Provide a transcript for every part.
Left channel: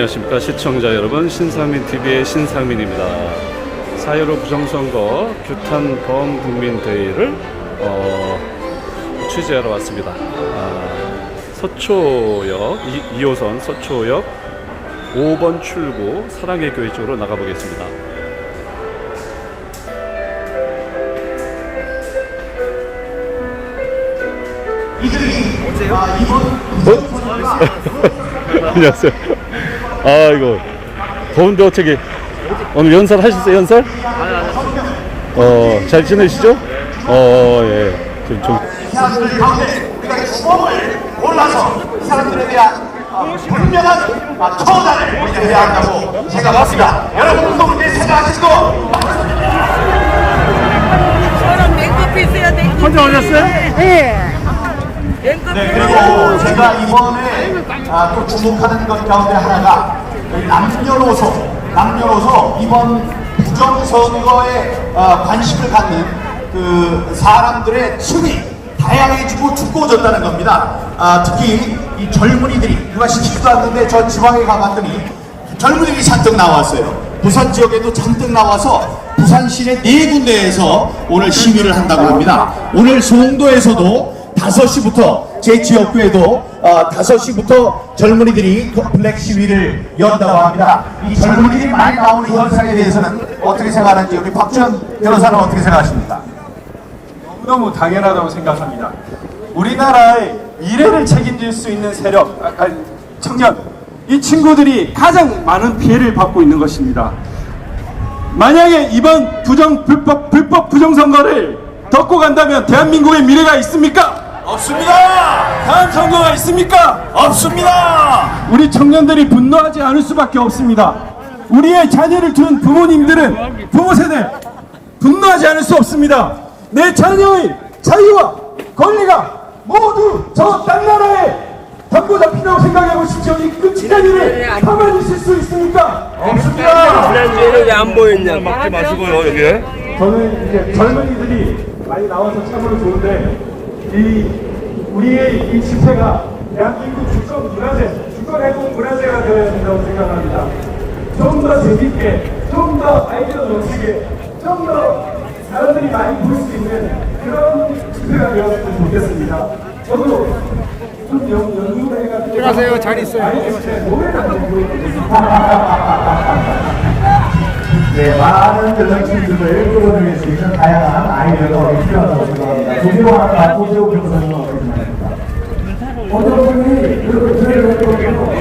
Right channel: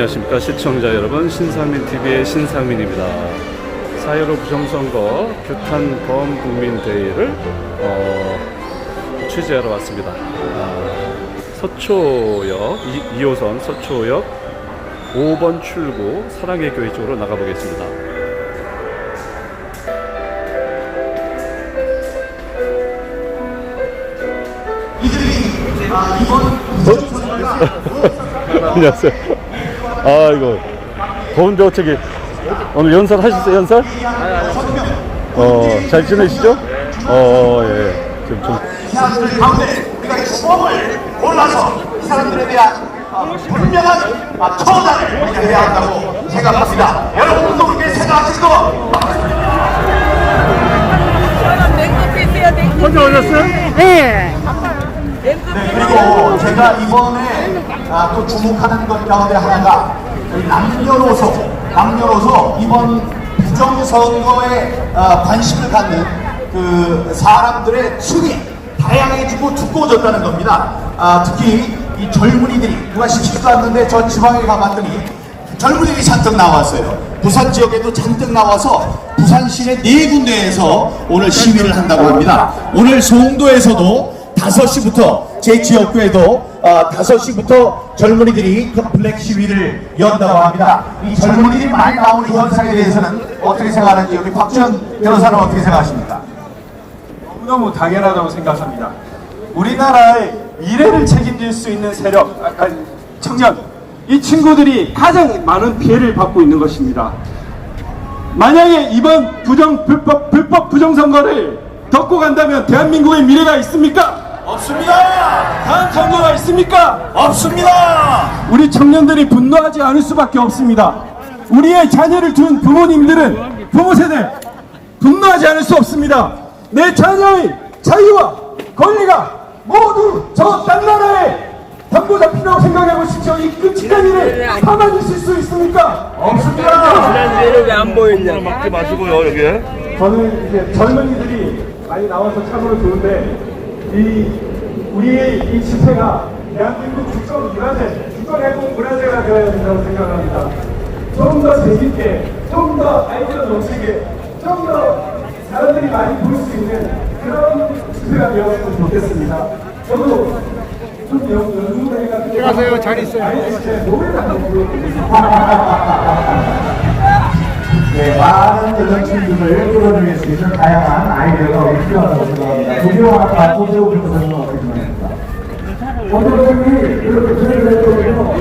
안녕하십니까 시청자 여러분 신상민 TV의 신상민입니다. 4.15 부정선거 규탄 범국민대회를 어, 취재하러 왔습니다. 아, 서초역 2, 호선 서초역 5번 출구 사랑의 교회 쪽으로 나가보겠습니다. 안녕하세요. 아 이거 더운데 어떻게 오늘 연설 하셨어요 연설? 어잘 지내시죠? 어 예. 지금 좀 이 사람들 가운데 우리가 주먹을 몰라서 이 사람들에 대한 어, 분명한 아, 처단을 우리가 해야 한다고 생각합니다. 여러분들도 그렇게 생각하시고. 혼자 오셨어요? 네. 네, 그리고 제가 이번에 아, 또 주목하는 것 가운데 하나가 남녀노소, 남녀노소 이번 부정선거에 어, 관심을 갖는 그 사람들의 층이 다양해지고 두꺼워졌다는 겁니다. 아, 특히 이 젊은이들이 누가 시키지도 않는데 저 지방에 가봤더니 젊은이들이 잔뜩 나왔어요. 부산 지역에도 잔뜩 나와서 부산 시내 네 군데에서 오늘 시위를 한다고 합니다. 오늘 송도에서도 5시부터 제 지역구에도 어, 5시부터 젊은이들이 그 블랙 시위를 연다고 합니다. 이 젊은이들이 많이 나오는 현상에 대해서는 어떻게 생각하는지 우리 박준 변호사는 어떻게 생각하십니까? 너무 당연하다고 생각합니다. 우리나라의 미래를 책임질 수 있는 세력, 아, 아니, 청년, 이 친구들이 가장 많은 피해를 받고 있는 것입니다. 만약에 이번 부정, 불법, 불법 부정 선거를 덮고 간다면 대한민국의 미래가 있습니까? 없습니다. 과연 선거가 있습니까? 없습니다. 우리 청년들이 분노하지 않을 수밖에 없습니다. 우리의 자녀를 둔 부모님들은 부모 세대 분노하지 않을 수 없습니다. 내 자녀의 자유와 권리가 모두 저 딴 나라에 담보 잡힌다고 생각해 보십시오. 이 끔찍한 일을 가만히 있을 수 있습니까? 없습니다. 지난주에 안 보였냐? 먹지 마시고요, 여기. 저는 이제 젊은이들이 많이 나와서 참으로 좋은데 이 우리의 이 집회가 대한민국 주권 문화재, 주권 회복 문화재가 되어야 된다고 생각합니다. 좀 더 재밌게, 좀 더 아이디어 넘치게, 좀 더 사람들이 많이 볼 수 있는 그런 집회가 되었으면 좋겠습니다. 저도 좀 연- 연구를 해가지고 안녕하세요, 잘 있어요. 노래를 한번 보여드리겠습니다. 네, 많은 연령층들을 끌어내기 위해서 다양한 아이디어가 필요하다고 생각합니다. 조교와 바꾸고 교수님 어떻게 생각합니까? 어머님이 이렇게 했거든요.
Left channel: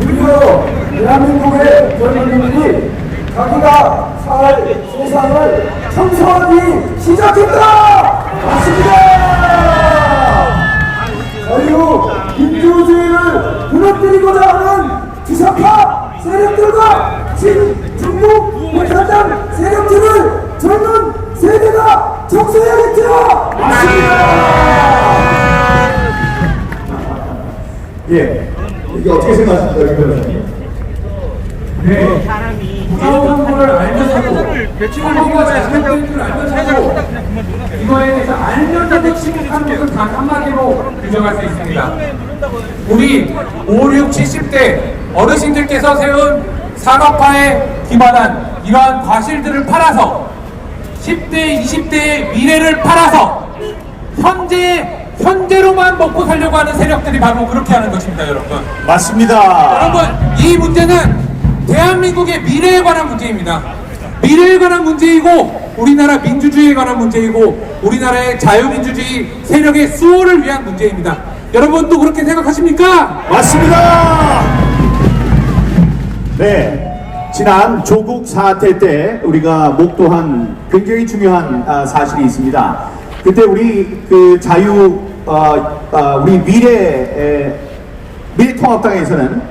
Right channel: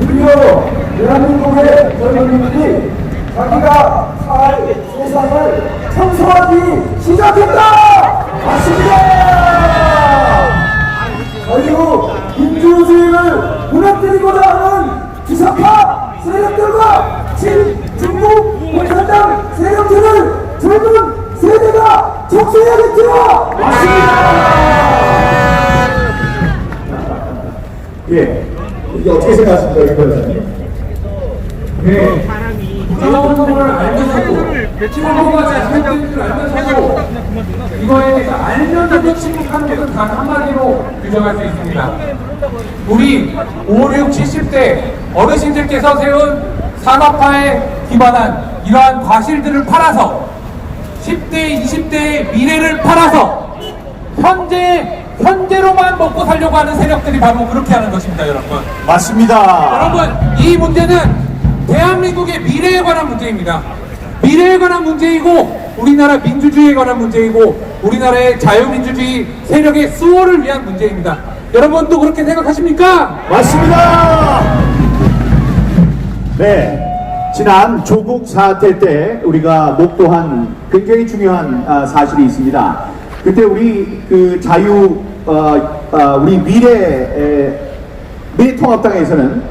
그리고 대한민국의 젊은이들이 자기가 살 세상을 청소하기 시작했다! 맞습니다! 어떻게 생각하십니까, 이 변호사님? 부정선거를 알면서도 선거가 잘못된 줄 알면서도 이거에 알면서도 침묵하는 것은 단 한마디로 규정할 수 있습니다. 우리 5, 6, 70대 어르신들께서 세운 산업화에 기반한 이러한 과실들을 팔아서 10대, 20대의 미래를 팔아서 현재 현재로만 먹고 살려고 하는 세력들이 바로 그렇게 하는 것입니다, 여러분. 맞습니다. 여러분 이 문제는 대한민국의 미래에 관한 문제입니다. 미래에 관한 문제이고 우리나라 민주주의에 관한 문제이고 우리나라의 자유민주주의 세력의 수호를 위한 문제입니다. 여러분도 그렇게 생각하십니까? 맞습니다. 네. 지난 조국 사태 때 우리가 목도한 굉장히 중요한 아, 사실이 있습니다. 그때 우리 그 자유 어, 아, 우리 미래 에, 미래통합당에서는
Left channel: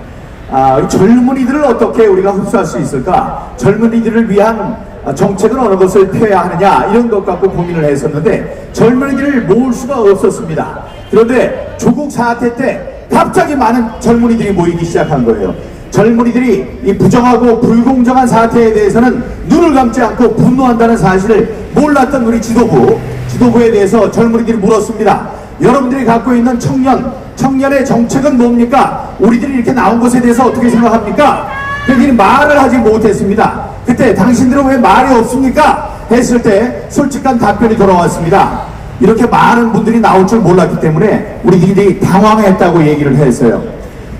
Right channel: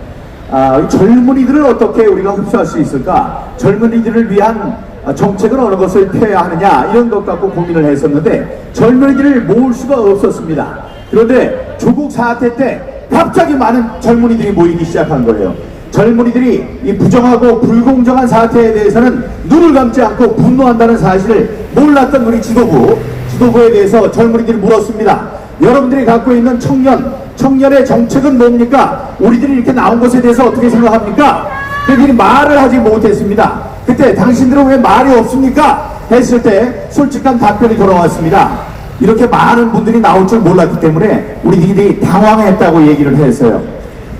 아, 이 젊은이들을 어떻게 우리가 흡수할 수 있을까? 젊은이들을 위한 아, 정책은 어느 것을 펴야 하느냐 이런 것 갖고 고민을 했었는데 젊은이들을 모을 수가 없었습니다. 그런데 조국 사태 때 갑자기 많은 젊은이들이 모이기 시작한 거예요. 젊은이들이 이 부정하고 불공정한 사태에 대해서는 눈을 감지 않고 분노한다는 사실을 몰랐던 우리 지도부, 지도부에 대해서 젊은이들이 물었습니다. 여러분들이 갖고 있는 청년, 청년 청년의 정책은 뭡니까? 우리들이 이렇게 나온 것에 대해서 어떻게 생각합니까? 그들이 말을 하지 못했습니다. 그때 당신들은 왜 말이 없습니까? 했을 때 솔직한 답변이 돌아왔습니다. 이렇게 많은 분들이 나올 줄 몰랐기 때문에 우리들이 당황했다고 얘기를 했어요.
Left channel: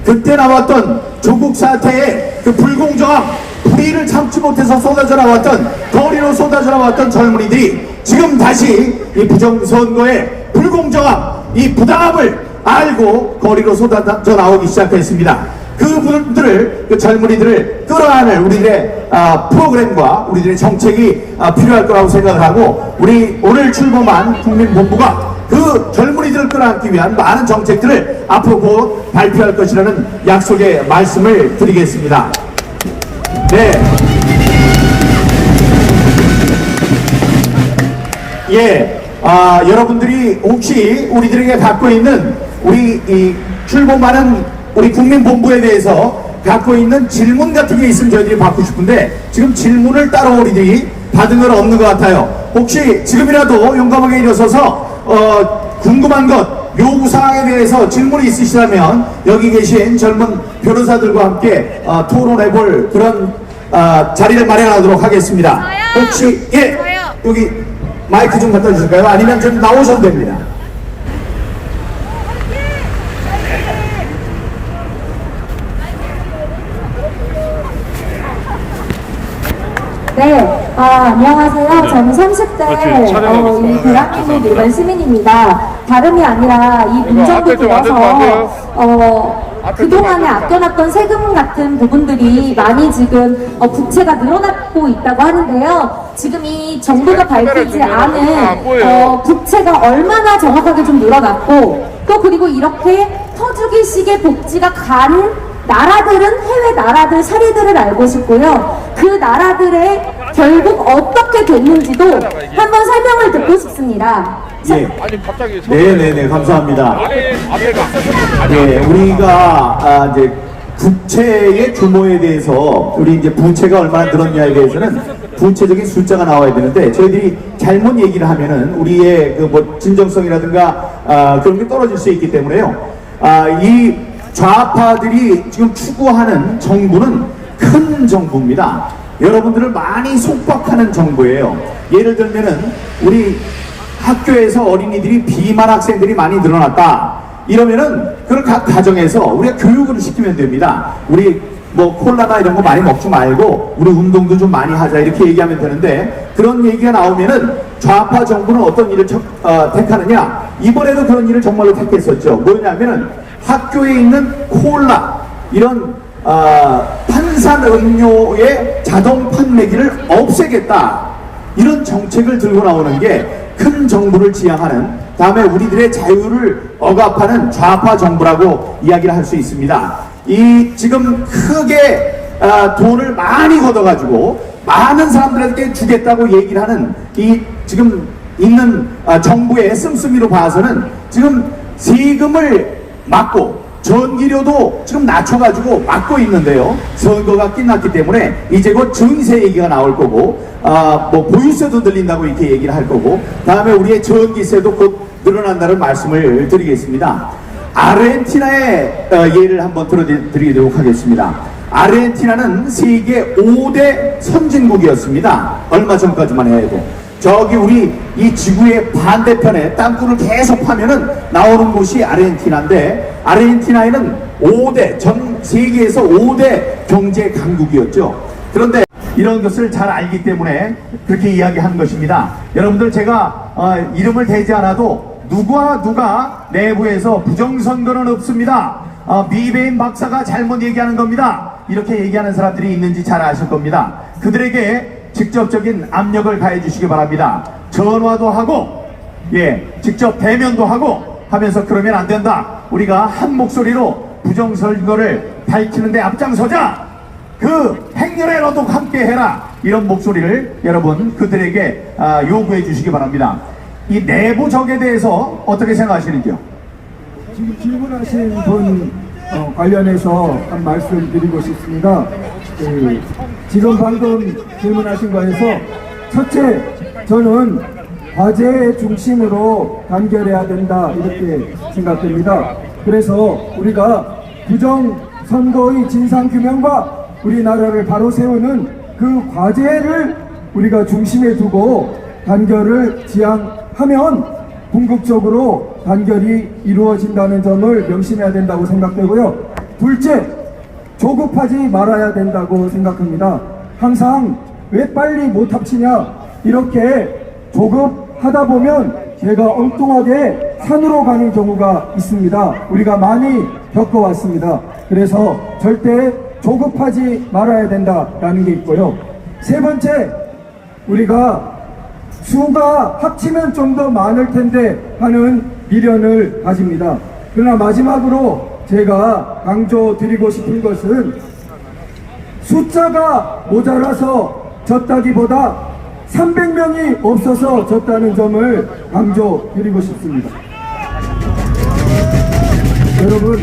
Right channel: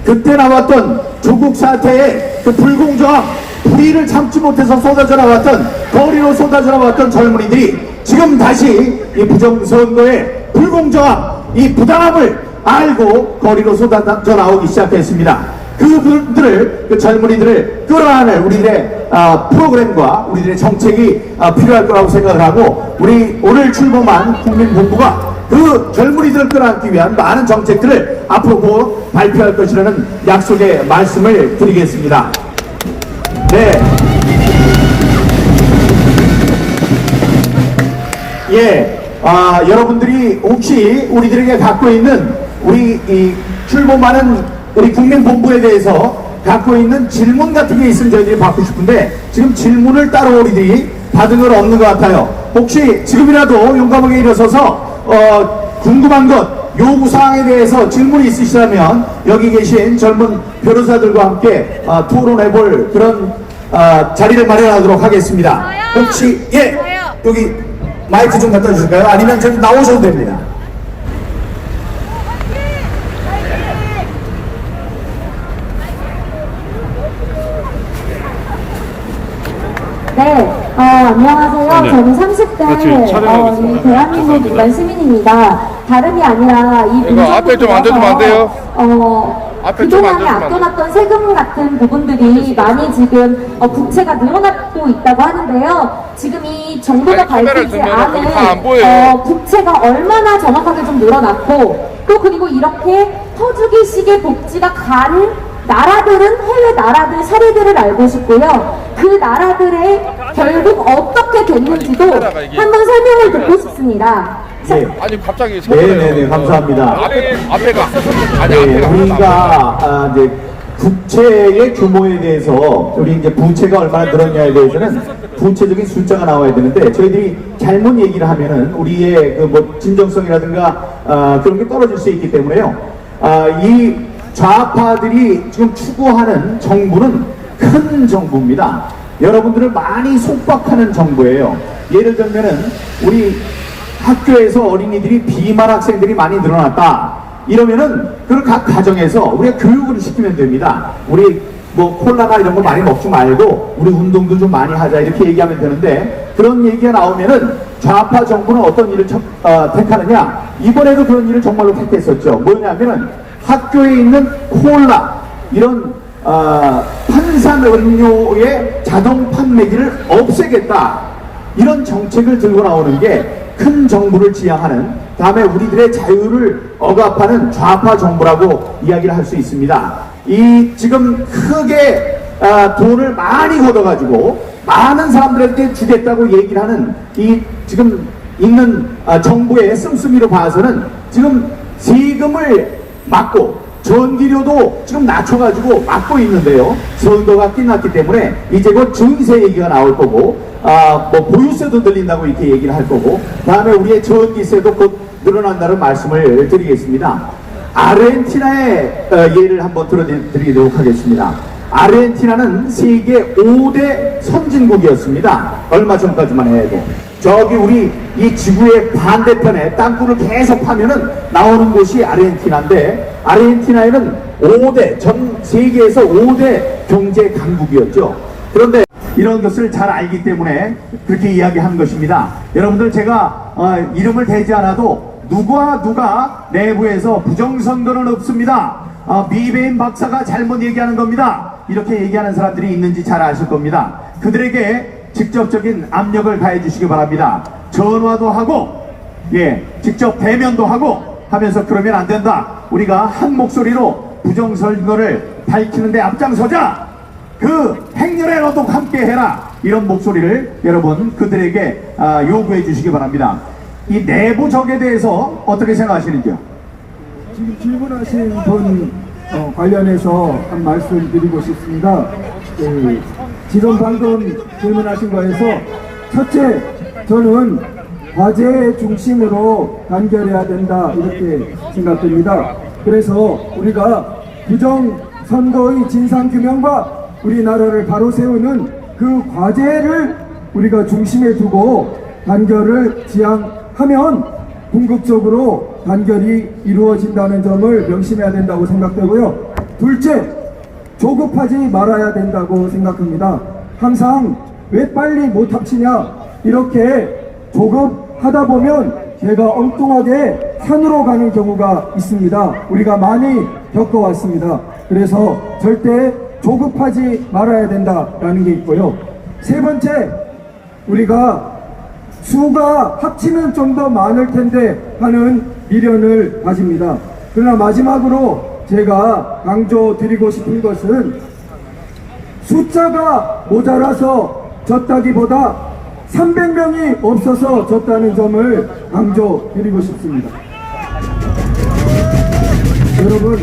그때 나왔던 조국 사태의 그 불공정함, 불의를 참지 못해서 쏟아져 나왔던 거리로 쏟아져 나왔던 젊은이들이 지금 다시 이 부정선거의 불공정함, 이 부당함을 알고 거리로 쏟아져 나오기 시작했습니다. 그분들을 그 젊은이들을 끌어안을 우리들의 아, 프로그램과 우리들의 정책이 아, 필요할 거라고 생각을 하고 우리 오늘 출범한 국민본부가 그 젊은이들을 끌어안기 위한 많은 정책들을 앞으로 곧 발표할 것이라는 약속의 말씀을 드리겠습니다. 네. 예, 아, 여러분들이 혹시 우리들에게 갖고 있는 우리 이 출범하는 우리 국민본부에 대해서 갖고 있는 질문 같은 게 있으면 저희들이 받고 싶은데 지금 질문을 따로 우리들이 받은 건 없는 것 같아요. 혹시 지금이라도 용감하게 일어서서 어, 궁금한 것 요구사항에 대해서 질문이 있으시다면 여기 계신 젊은 변호사들과 함께 어, 토론해볼 그런 어, 자리를 마련하도록 하겠습니다. 혹시 예 여기 마이크 좀 갖다 주실까요? 아니면 좀 나오셔도 됩니다. 네, 아, 안녕하세요. 저는 30대 어, 이 대한민국 일반 시민입니다. 다름이 아니라 이 문정부에서 어, 그동안에 아껴놨던 세금 같은 부분들이 많이 지금 어, 부채가 늘어나고 있다고 하는데요. 지금 이 정부가 밝히지 않은 어, 부채가 얼마나 정확하게 좀 늘어났고 또 그리고 이렇게 터주기식의 복지가 간 나라들은 해외 나라들 사례들을 알고 싶고요. 그 나라들의 결국 어떻게 됐는지도 한번 설명을 듣고 싶습니다. 예. 아니 갑자기 네네네 감사합니다. 앞에가 네, 우리가 아, 이제 부채의 규모에 대해서 우리 이제 부채가 얼마나 늘었냐에 대해서는 구체적인 숫자가 나와야 되는데 저희들이 잘못 얘기를 하면은 우리의 그 뭐 진정성이라든가 아, 그런 게 떨어질 수 있기 때문에요. 아, 이 좌파들이 지금 추구하는 정부는 큰 정부입니다. 여러분들을 많이 속박하는 정부예요. 예를 들면은 우리 학교에서 어린이들이 비만 학생들이 많이 늘어났다. 이러면은 그걸 각 가정에서 우리가 교육을 시키면 됩니다. 우리 뭐 콜라나 이런 거 많이 먹지 말고 우리 운동도 좀 많이 하자 이렇게 얘기하면 되는데 그런 얘기가 나오면은 좌파 정부는 어떤 일을 척- 어, 택하느냐 이번에도 그런 일을 정말로 택했었죠. 뭐냐면은 학교에 있는 콜라 이런 어, 탄산 음료의 자동 판매기를 없애겠다. 이런 정책을 들고 나오는 게 큰 정부를 지향하는 다음에 우리들의 자유를 억압하는 좌파 정부라고 이야기를 할 수 있습니다. 이 지금 크게 아, 돈을 많이 걷어가지고 많은 사람들에게 주겠다고 얘기를 하는 이 지금 있는 아, 정부의 씀씀이로 봐서는 지금 세금을 막고 전기료도 지금 낮춰가지고 막고 있는데요. 선거가 끝났기 때문에 이제 곧 증세 얘기가 나올 거고, 아, 뭐 보유세도 들린다고 이렇게 얘기를 할 거고, 다음에 우리의 전기세도 곧 늘어난다는 말씀을 드리겠습니다. 아르헨티나의 어, 예를 한번 들어드리도록 하겠습니다. 아르헨티나는 세계 5대 선진국이었습니다. 얼마 전까지만 해도. 저기 우리 이 지구의 반대편에 땅굴을 계속 파면은 나오는 곳이 아르헨티나인데 아르헨티나에는 5대 전 세계에서 5대 경제 강국이었죠. 그런데 이런 것을 잘 알기 때문에 그렇게 이야기하는 것입니다. 여러분들 제가 어, 이름을 대지 않아도 누구와 누가 내부에서 부정선거는 없습니다. 어, 미베인 박사가 잘못 얘기하는 겁니다. 이렇게 얘기하는 사람들이 있는지 잘 아실 겁니다. 그들에게 직접적인 압력을 가해 주시기 바랍니다. 전화도 하고, 예, 직접 대면도 하고 하면서 그러면 안 된다. 우리가 한 목소리로 부정선거를 밝히는데 앞장서자! 그 행렬에 너도 함께 해라! 이런 목소리를 여러분 그들에게 아, 요구해 주시기 바랍니다. 이 내부적에 대해서 어떻게 생각하시는지요? 지금 질문하신 분 어, 관련해서 한 말씀 드리고 싶습니다. 그, 지금 방금 질문하신 거에서 첫째, 저는 과제의 중심으로 단결해야 된다 이렇게 생각됩니다. 그래서 우리가 부정 선거의 진상 규명과 우리나라를 바로 세우는 그 과제를 우리가 중심에 두고 단결을 지향하면 궁극적으로 단결이 이루어진다는 점을 명심해야 된다고 생각되고요. 둘째, 조급하지 말아야 된다고 생각합니다. 항상 왜 빨리 못 합치냐 이렇게 조급하다 보면 제가 엉뚱하게 산으로 가는 경우가 있습니다. 우리가 많이 겪어왔습니다. 그래서 절대 조급하지 말아야 된다라는 게 있고요. 세 번째, 우리가 수가 합치면 좀 더 많을 텐데 하는 미련을 가집니다. 그러나 마지막으로 제가 강조 드리고 싶은 것은 숫자가 모자라서 졌다기보다 300명이 없어서 졌다는 점을 강조 드리고 싶습니다. 여러분,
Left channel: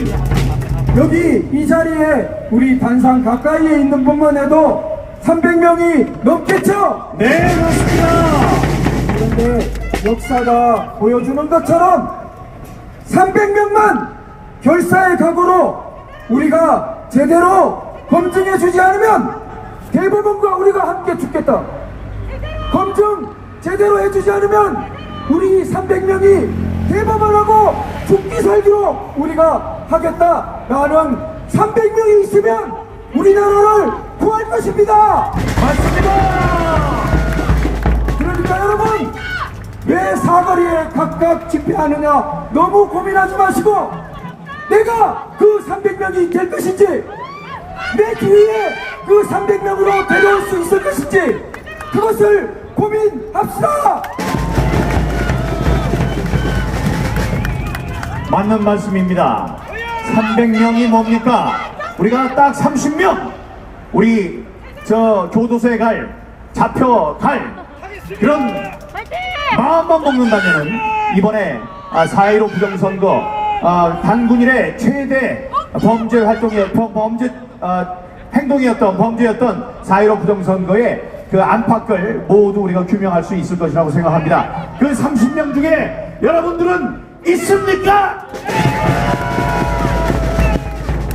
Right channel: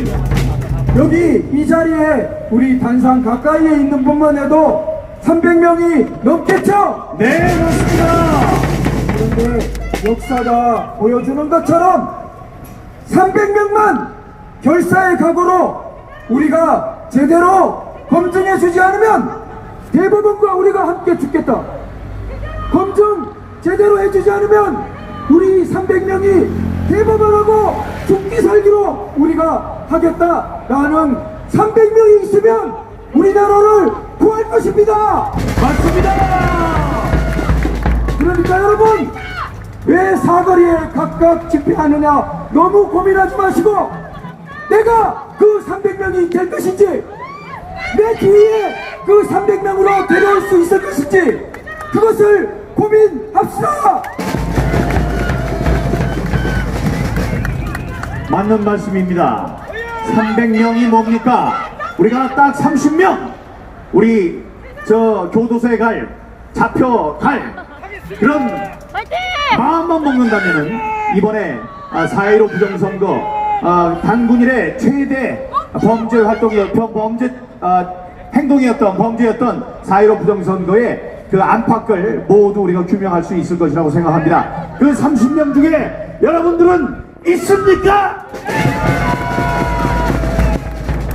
여기 이 자리에 우리 관상 가까이에 있는 분만 해도 300명이 넘겠죠? 네, 맞습니다. 그런데 역사가 보여주는 것처럼 300명만 결사의 각오로 우리가 제대로 검증해 주지 않으면 대법원과 우리가 함께 죽겠다. 검증 제대로 해주지 않으면 우리 300명이 대법원하고 죽기 살기로 우리가 하겠다라는 300명이 있으면 우리나라를 구할 것입니다. 맞습니다. 그러니까 여러분 왜 사거리에 각각 집회하느냐 너무 고민하지 마시고 내가 그 300명이 될 것인지 내 주위에 그 300명으로 데려올 수 있을 것인지 그것을 고민합시다. 맞는 말씀입니다. 300명이 뭡니까? 우리가 딱 30명 우리 저 교도소에 갈 잡혀 갈 그런 마음만 먹는다면은 이번에 아, 4.15 부정선거 아, 단군일의 최대 범죄 활동이 범- 범죄 아, 행동이었던 범죄였던 4.15 부정선거의 그 안팎을 모두 우리가 규명할 수 있을 것이라고 생각합니다. 그 30명 중에 여러분들은 있습니까?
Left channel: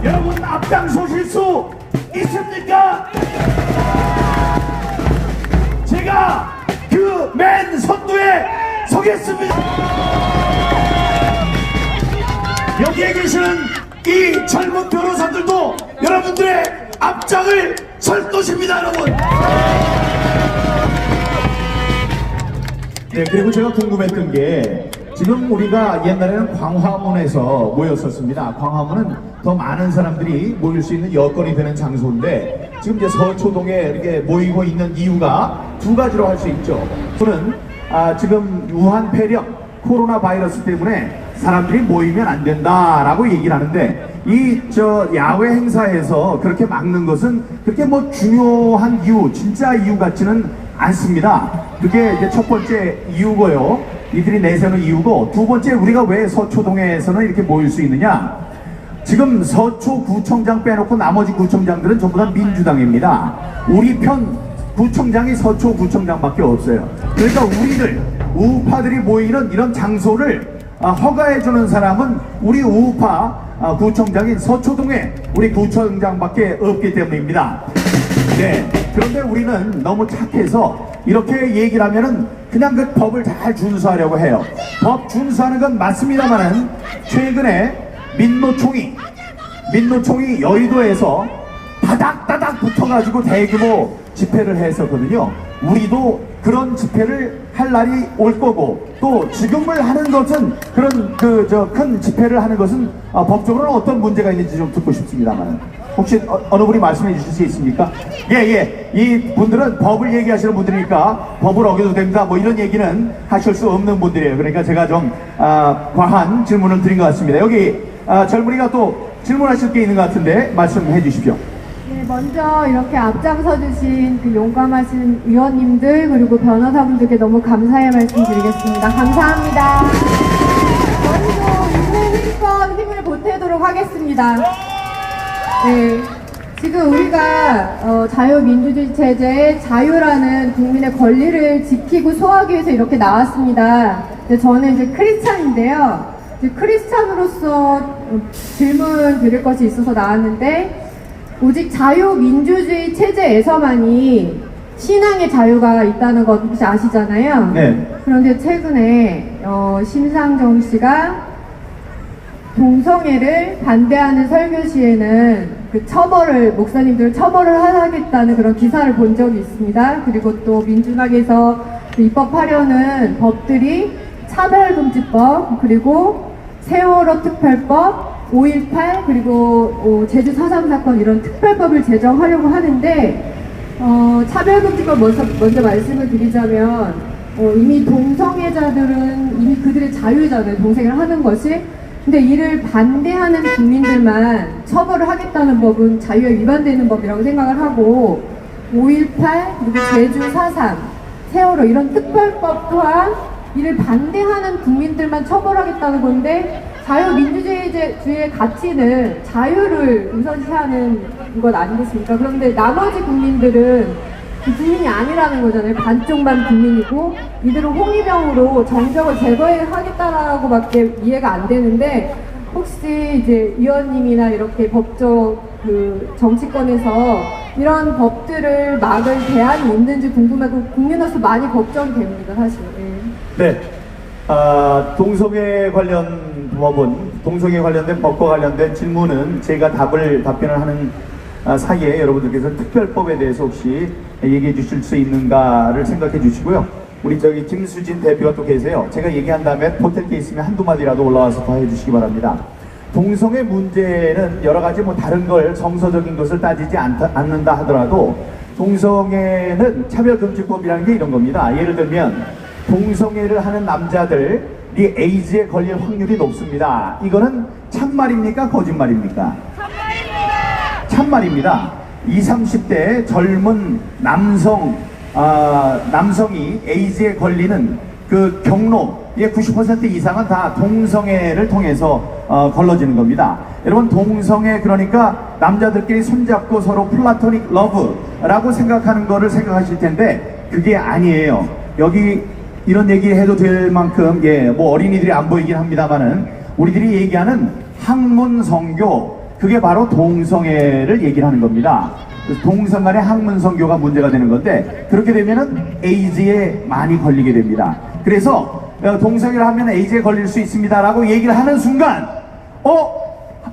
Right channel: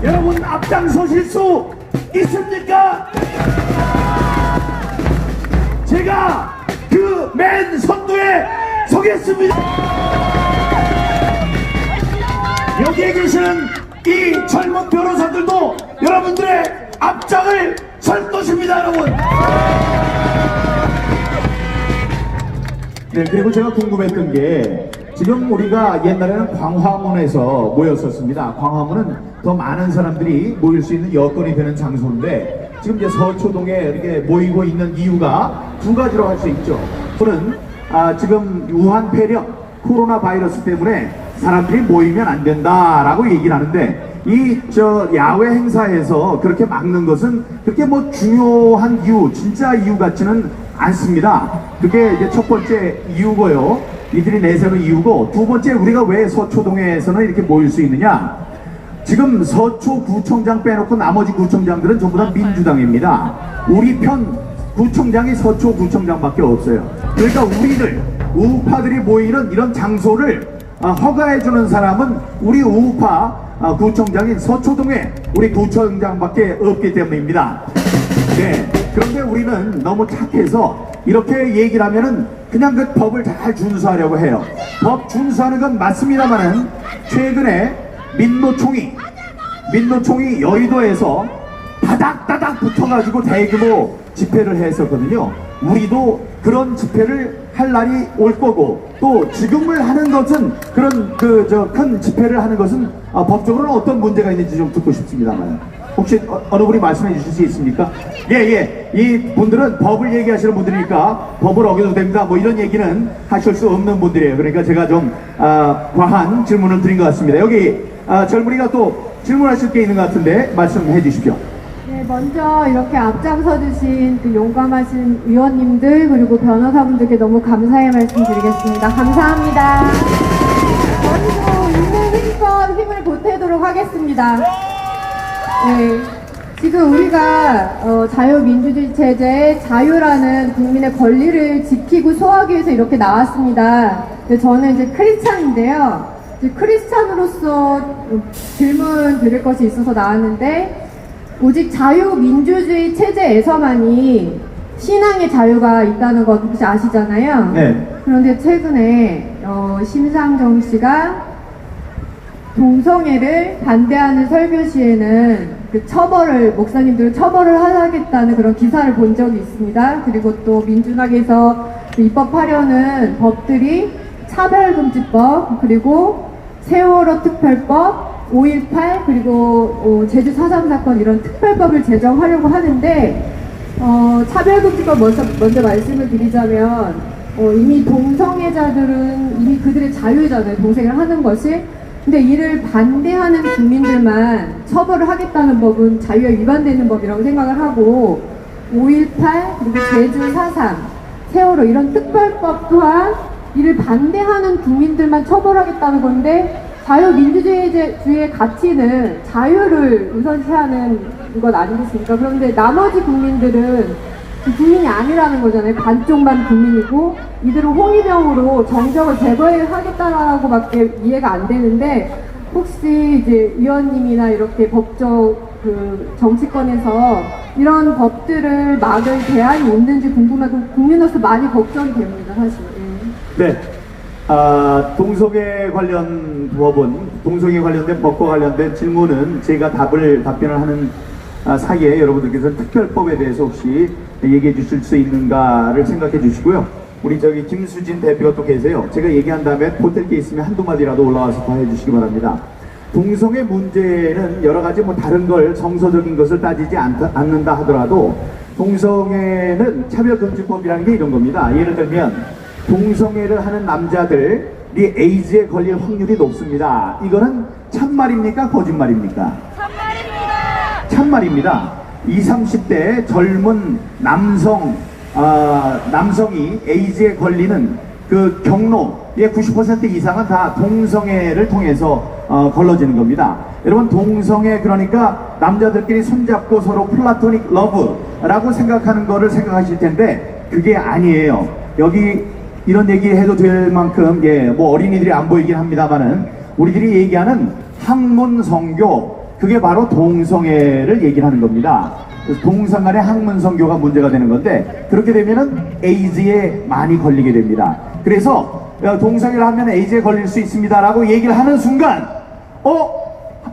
여러분 앞장서실 수 있습니까? 제가 그 맨 선두에 서겠습니다. 여기에 계시는 이 젊은 변호사들도 여러분들의 앞장을 설 것입니다, 여러분. 네, 그리고 제가 궁금했던 게 지금 우리가 옛날에는 광화문에서 모였었습니다. 광화문은 더 많은 사람들이 모일 수 있는 여건이 되는 장소인데 지금 이제 서초동에 이렇게 모이고 있는 이유가 두 가지로 할 수 있죠. 저는 아, 지금 유한 폐렴 코로나 바이러스 때문에 사람들이 모이면 안 된다라고 얘기를 하는데 이 저 야외 행사에서 그렇게 막는 것은 그렇게 뭐 중요한 이유, 진짜 이유 같지는 않습니다. 그게 이제 첫 번째 이유고요. 이들이 내세우는 이유고 두 번째 우리가 왜 서초동에서는 이렇게 모일 수 있느냐? 지금 서초 구청장 빼놓고 나머지 구청장들은 전부 다 민주당입니다. 우리 편 구청장이 서초 구청장밖에 없어요. 그러니까 우리들 우파들이 모이는 이런 장소를 아, 허가해주는 사람은 우리 우파 아, 구청장인 서초동에 우리 구청장밖에 없기 때문입니다. 네. 그런데 우리는 너무 착해서 이렇게 얘기를 하면은 그냥 그 법을 잘 준수하려고 해요. 법 준수하는 건 맞습니다만은 최근에 민노총이 민노총이 여의도에서 다닥다닥 붙어가지고 대규모 집회를 했었거든요. 우리도 그런 집회를 할 날이 올 거고 또 지금을 하는 것은 그런 그 저 큰 집회를 하는 것은 아, 법적으로는 어떤 문제가 있는지 좀 듣고 싶습니다만. 혹시 어, 어느 분이 말씀해 주실 수 있습니까? 예예. 이 분들은 법을 얘기하시는 분들이니까 법을 어겨도 됩니다. 뭐 이런 얘기는 하실 수 없는 분들이에요. 그러니까 제가 좀 아, 과한 질문을 드린 것 같습니다. 여기 아, 젊은이가 또 질문하실 게 있는 것 같은데 말씀해 주십시오. 네, 먼저 이렇게 앞장서 주신 그 용감하신 위원님들 그리고 변호사분들께 너무 감사의 말씀 드리겠습니다. 감사합니다. 그리고 인생특권 힘을 보태도록 하겠습니다. 네. 지금 우리가 어, 자유민주주의 체제의 자유라는 국민의 권리를 지키고 소화하기 위해서 이렇게 나왔습니다. 근데 저는 이제 크리스찬인데요. 크리스찬으로서 질문 드릴 것이 있어서 나왔는데 오직 자유민주주의 체제에서만이 신앙의 자유가 있다는 것 혹시 아시잖아요? 네. 그런데 최근에 어, 심상정 씨가 동성애를 반대하는 설교 시에는 그 처벌을 목사님들을 처벌을 하겠다는 그런 기사를 본 적이 있습니다. 그리고 또 민주당에서 입법하려는 법들이 차별금지법 그리고 세월호 특별법 5.18 그리고 어, 제주 4.3 사건 이런 특별법을 제정하려고 하는데 어, 차별금지법 먼저, 먼저 말씀을 드리자면 어, 이미 동성애자들은 이미 그들의 자유잖아요. 동생을 하는 것이. 근데 이를 반대하는 국민들만 처벌을 하겠다는 법은 자유에 위반되는 법이라고 생각을 하고 5.18 그리고 제주 4.3 세월호 이런 특별법 또한 이를 반대하는 국민들만 처벌하겠다는 건데 자유민주주의의 가치는 자유를 우선시하는 것 아니겠습니까? 그런데 나머지 국민들은 그 국민이 아니라는 거잖아요. 반쪽만 국민이고 이들은 홍위병으로 정적을 제거하겠다라고밖에 이해가 안 되는데 혹시 이제 위원님이나 이렇게 법적 그 정치권에서 이런 법들을 막을 대안이 있는지 궁금하고 국민으로서 많이 걱정이 됩니다, 사실. 네. 네. 아, 동성애 관련 법은 동성애 관련된 법과 관련된 질문은 제가 답을 답변을 하는 아, 사이에 여러분들께서 특별법에 대해서 혹시 얘기해 주실 수 있는가를 생각해 주시고요. 우리 저기 김수진 대표가 또 계세요. 제가 얘기한 다음에 보탤 게 있으면 한두 마디라도 올라와서 더 해주시기 바랍니다. 동성애 문제는 여러 가지 뭐 다른 걸 정서적인 것을 따지지 않다, 않는다 하더라도 동성애는 차별금지법이라는 게 이런 겁니다. 예를 들면 동성애를 하는 남자들이 에이즈에 걸릴 확률이 높습니다. 이거는 참말입니까? 거짓말입니까? 참말입니다. 20, 30대 젊은 남성, 아, 남성이 에이즈에 걸리는 그 경로의 90% 이상은 다 동성애를 통해서 어, 걸러지는 겁니다. 여러분 동성애 그러니까 남자들끼리 손잡고 서로 플라토닉 러브라고 생각하는 거를 생각하실 텐데 그게 아니에요. 여기 이런 얘기 해도 될 만큼 예, 뭐 어린이들이 안 보이긴 합니다만은 우리들이 얘기하는 학문 성교 그게 바로 동성애를 얘기를 하는 겁니다. 동성 간의 학문 성교가 문제가 되는 건데 그렇게 되면은 에이즈에 많이 걸리게 됩니다. 그래서 어, 동성애를 하면 에이즈에 걸릴 수 있습니다라고 얘기를 하는 순간 어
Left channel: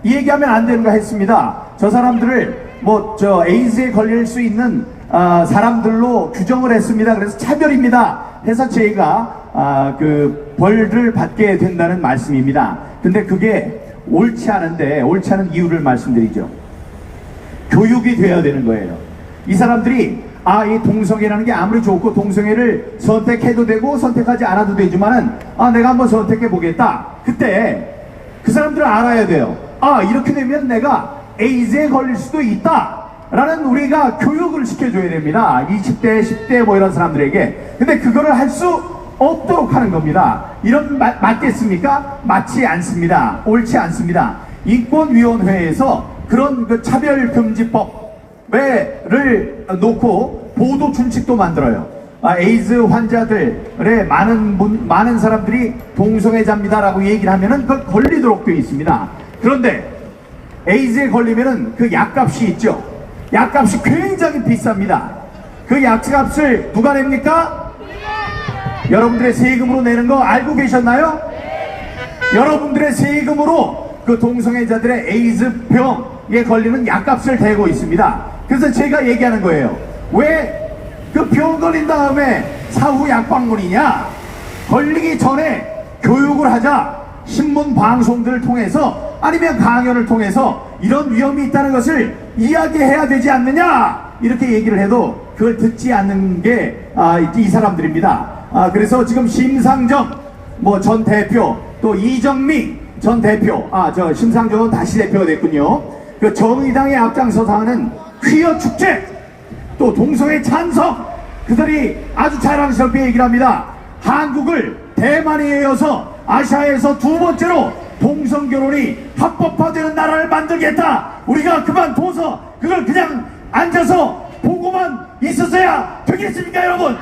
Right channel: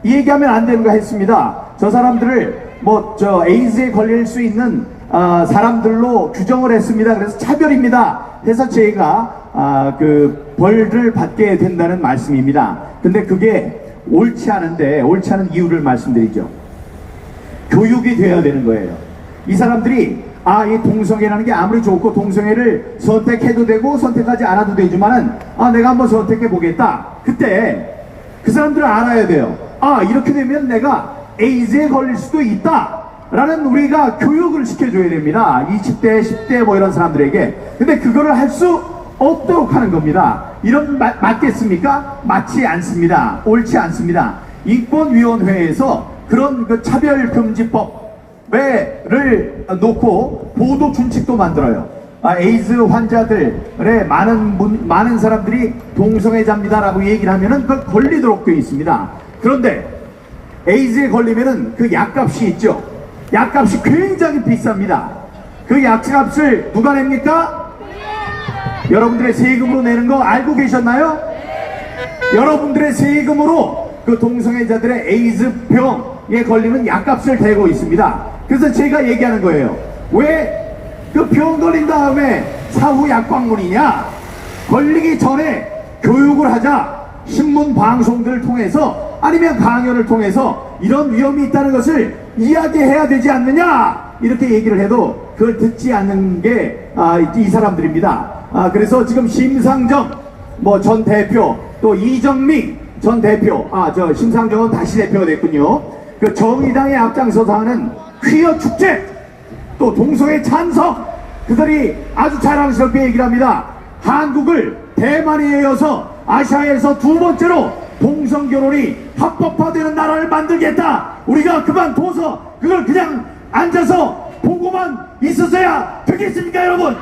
얘기하면 안 되는 거 했습니다. 저 사람들을 뭐 저 에이즈에 걸릴 수 있는 아, 사람들로 규정을 했습니다. 그래서 차별입니다. 저희가 아, 그 벌을 받게 된다는 말씀입니다. 근데 그게 옳지 않은데 옳지 않은 이유를 말씀드리죠. 교육이 되어야 되는 거예요. 이 사람들이 아, 이 동성애라는 게 아무리 좋고 동성애를 선택해도 되고 선택하지 않아도 되지만은 아, 내가 한번 선택해 보겠다. 그때 그 사람들은 알아야 돼요. 아, 이렇게 되면 내가 에이즈에 걸릴 수도 있다. 라는 우리가 교육을 시켜줘야 됩니다. 20대, 10대 뭐 이런 사람들에게. 근데 그거를 할 수 없도록 하는 겁니다. 이런 마, 맞겠습니까? 맞지 않습니다. 옳지 않습니다. 인권위원회에서 그런 그 차별금지법을 놓고 보도 준칙도 만들어요. 아, 에이즈 환자들의 많은 분, 많은 사람들이 동성애자입니다라고 얘기를 하면은 그 걸리도록 되어 있습니다. 그런데 에이즈에 걸리면은 그 약값이 있죠. 약값이 굉장히 비쌉니다. 그 약값을 누가 냅니까? 여러분들의 세금으로 내는 거 알고 계셨나요? 여러분들의 세금으로 그 동성애자들의 에이즈 병에 걸리는 약값을 대고 있습니다. 그래서 제가 얘기하는 거예요. 왜 그 병 걸린 다음에 사후 약방문이냐? 걸리기 전에 교육을 하자. 신문 방송들을 통해서 아니면 강연을 통해서 이런 위험이 있다는 것을 이야기해야 되지 않느냐? 이렇게 얘기를 해도 그걸 듣지 않는 게 아, 이 사람들입니다. 아, 그래서 지금 심상정 뭐 전 대표 또 이정미 전 대표 아 저 심상정은 다시 대표가 됐군요. 그 정의당의 앞장서서 하는 퀴어 축제 또 동성애 찬성 그들이 아주 자랑스럽게 얘기를 합니다. 한국을 대만에 이어서 아시아에서 두 번째로 동성 결혼이 합법화되는 나라를 만들겠다. 우리가 그만 둬서 그걸 그냥 앉아서 보고만 있었어야 되겠습니까, 여러분?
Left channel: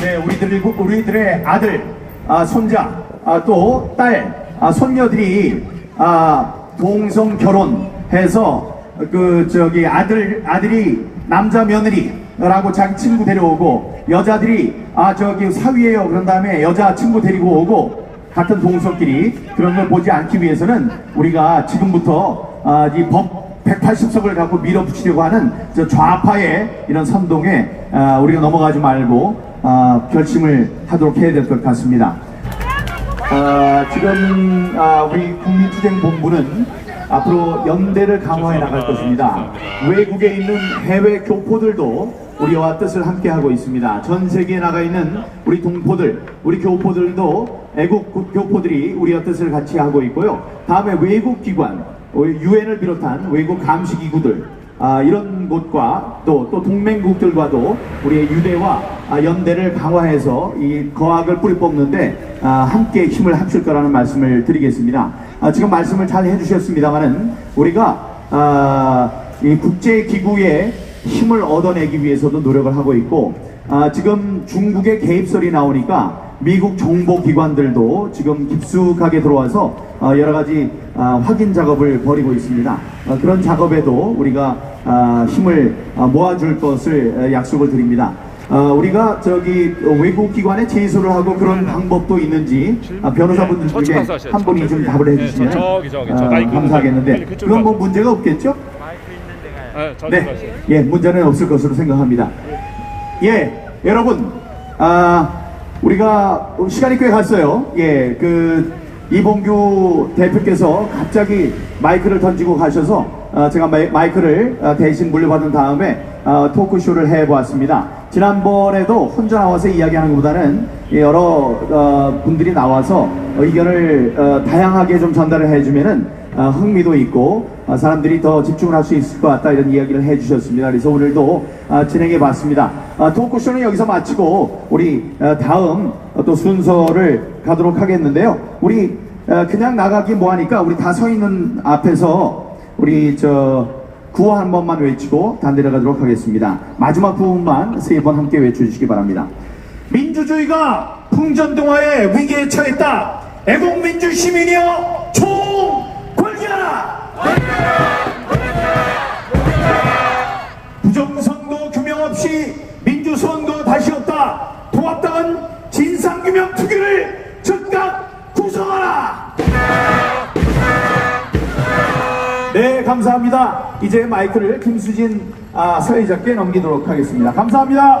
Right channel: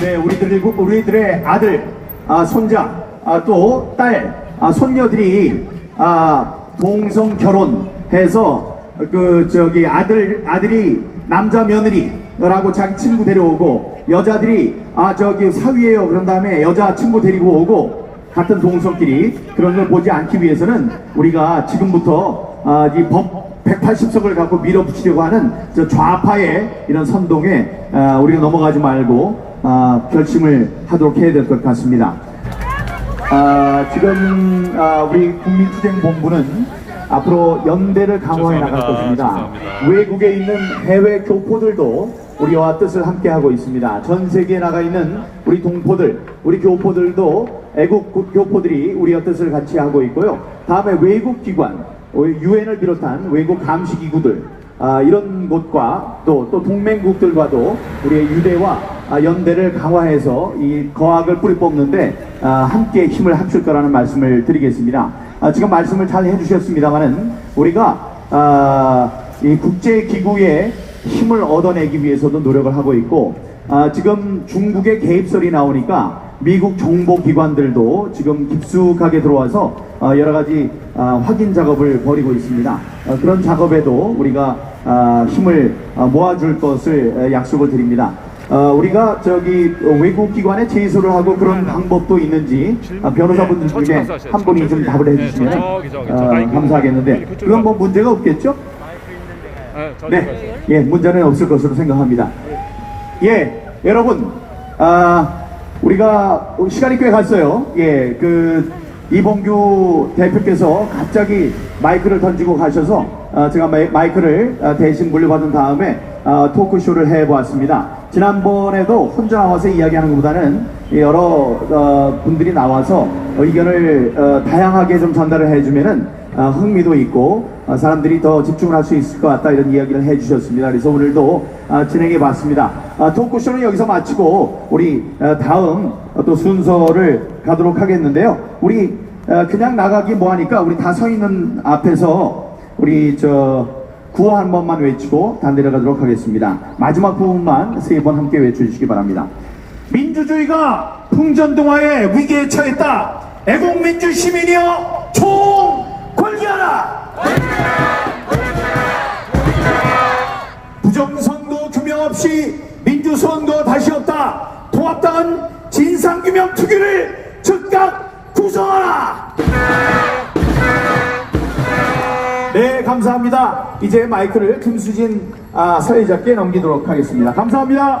네, 우리들 우리들의 아들 아, 손자, 아, 또 딸, 아, 손녀들이 아, 동성 결혼해서 그 저기 아들 아들이 남자 며느리 라고 자기 친구 데려오고 여자들이 아 저기 사위예요 그런 다음에 여자 친구 데리고 오고 같은 동성끼리 그런 걸 보지 않기 위해서는 우리가 지금부터 아, 이법 180석을 갖고 밀어붙이려고 하는 저 좌파의 이런 선동에 아, 우리가 넘어가지 말고 아, 결심을 하도록 해야 될 것 같습니다. 아, 지금 아, 우리 국민투쟁본부는 앞으로 연대를 강화해 나갈 것입니다. 외국에 있는 해외 교포들도 우리와 뜻을 함께 하고 있습니다. 전 세계에 나가 있는 우리 동포들, 우리 교포들도 애국 고- 교포들이 우리와 뜻을 같이 하고 있고요. 다음에 외국 기관, 유엔을 비롯한 외국 감시 기구들, 아, 이런 곳과 또, 또 동맹국들과도 우리의 유대와 아, 연대를 강화해서 이 거학을 뿌리 뽑는데 아, 함께 힘을 합칠 거라는 말씀을 드리겠습니다. 아, 지금 말씀을 잘 해주셨습니다만은 우리가 아, 이 국제기구의 힘을 얻어내기 위해서도 노력을 하고 있고 아, 지금 중국의 개입설이 나오니까 미국 정보기관들도 지금 깊숙하게 들어와서 어, 여러 가지 어, 확인 작업을 벌이고 있습니다. 어, 그런 작업에도 우리가 어, 힘을 어, 모아줄 것을 어, 약속을 드립니다. 어, 우리가 저기 어, 외국 기관에 제소를 하고 그런 방법도 있는지 어, 변호사분들 중에. 한 분이 좀 답을 해주시면 네, 마이크 감사하겠는데 그건 뭐. 문제가 없겠죠? 네, 저쪽 네, 가세요. 예, 문제는 없을 것으로 생각합니다. 예, 여러분, 아, 우리가 시간이 꽤 갔어요. 예, 그, 이봉규 대표께서 갑자기 마이크를 던지고 가셔서, 아, 제가 마이, 마이크를 아, 대신 물려받은 다음에, 아, 토크쇼를 해보았습니다. 지난번에도 혼자 나와서 이야기하는 것보다는 여러 어, 분들이 나와서 의견을 어, 다양하게 좀 전달을 해주면은 어, 흥미도 있고 어, 사람들이 더 집중을 할 수 있을 것 같다 이런 이야기를 해주셨습니다. 그래서 오늘도 어, 진행해 봤습니다. 어, 토크쇼는 여기서 마치고 우리 어, 다음 어, 또 순서를 가도록 하겠는데요. 우리 어, 그냥 나가기 뭐하니까 우리 다 서 있는 앞에서 우리 저 구호 한 번만 외치고 단대를 가도록 하겠습니다. 마지막 부분만 세 번 함께 외쳐주시기 바랍니다. 민주주의가 풍전동화의 위기에 처했다. 애국민주 시민이여 총 없이 민주선거 다시 없다. 통합당은 진상규명 투기를 즉각 구성하라. 네, 감사합니다. 이제 마이크를 김수진 아, 사회자께 넘기도록 하겠습니다. 감사합니다.